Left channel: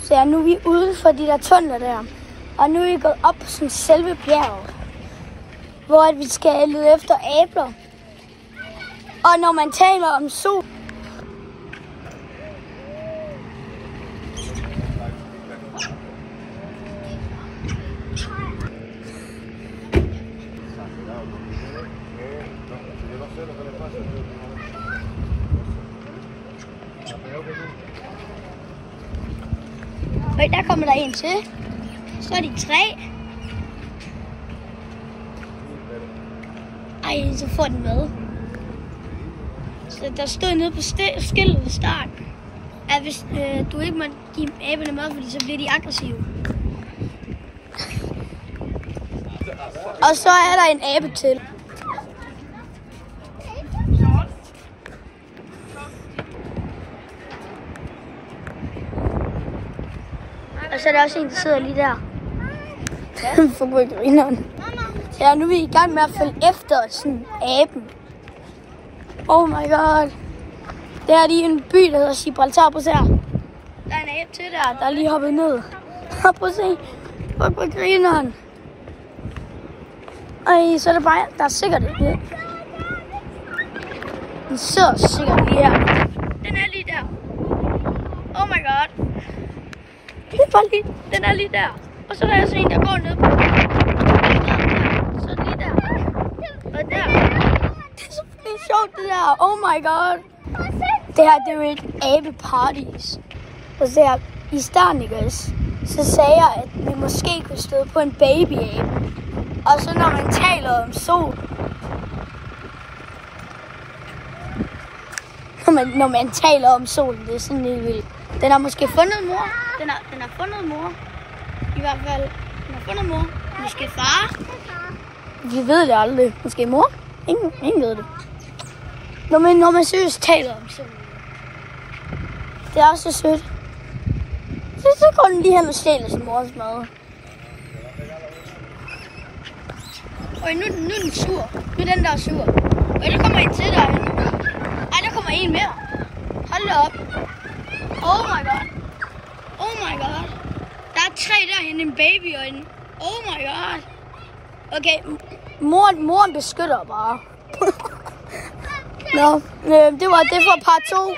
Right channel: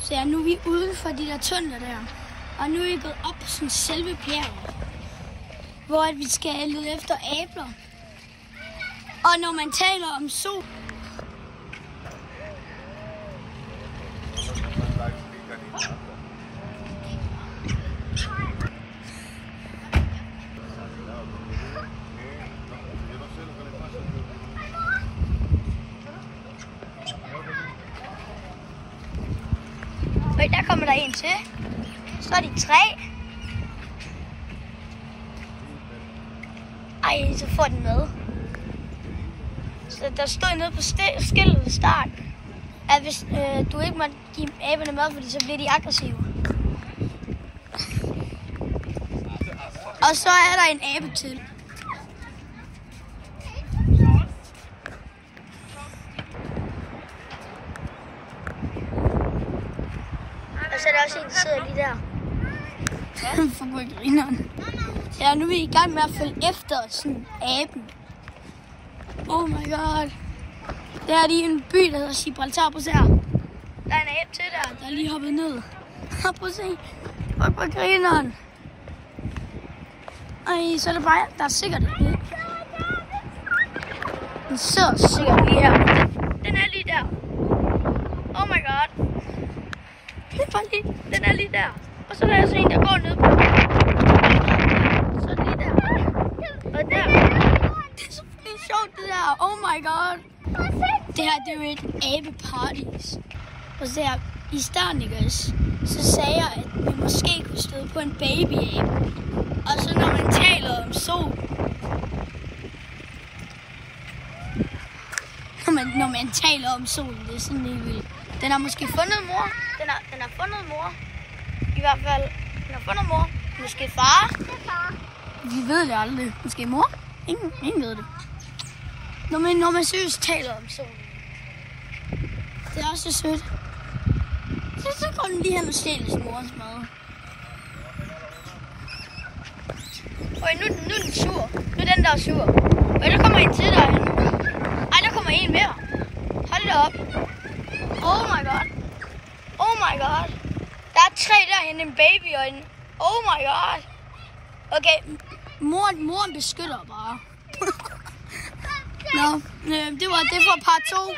Så ja, nu er vi uden for de der tunneler der. Og nu er vi gået op på sådan selve bjerget, hvor vi skal lede efter æbler. Og når man taler om sol, og der kommer der en til. Så er de 3. Ej, så får den med. Så der stod nede på skiltet ved starten, at hvis du ikke må give aberne mad, fordi så bliver de aggressive. Og så er der en abe til. Og så er der også en, der sidder lige der. For grineren. Ja, nu er vi i gang med at følge efter sådan aben. Oh my god. Det er lige en by, der hedder Gibraltar. Prøv at se her. Der er en abe til der er lige hoppet ned. Prøv at se. For grineren. Ej, så er det bare, der er sikkert det. Den sidder sikkert lige her. Den er lige der. Oh my god. Det er bare lige, den er lige der. Og så er der også en, der går ned på. Så lige der. Og der. Det er så sjovt det der. Oh my god. Det her, det er jo et abeparadis. Og så her, i starten, ikke også, så sagde jeg, at vi måske kunne støde på en babyabe. Og så når man taler om sol. Når man taler om solen, det er sådan helt vildt. Den har måske fundet mor. Den har fundet mor. I hvert fald, den har fundet mor. Måske far. Vi ved det aldrig. Måske mor. Ingen ved det. Når man seriøst taler om solen. Det er også så sødt. Så går den lige hen og stjæler sin mors mad. Og nu er den sur. Nu er den der sur. Og der kommer en til derhen. Ej, der kommer en mere. Hold da op. Oh my god. Oh my god. Der er 3 derhen, en baby og en... Oh my god. Okay, moren beskytter bare. Nå, det var det for part 2.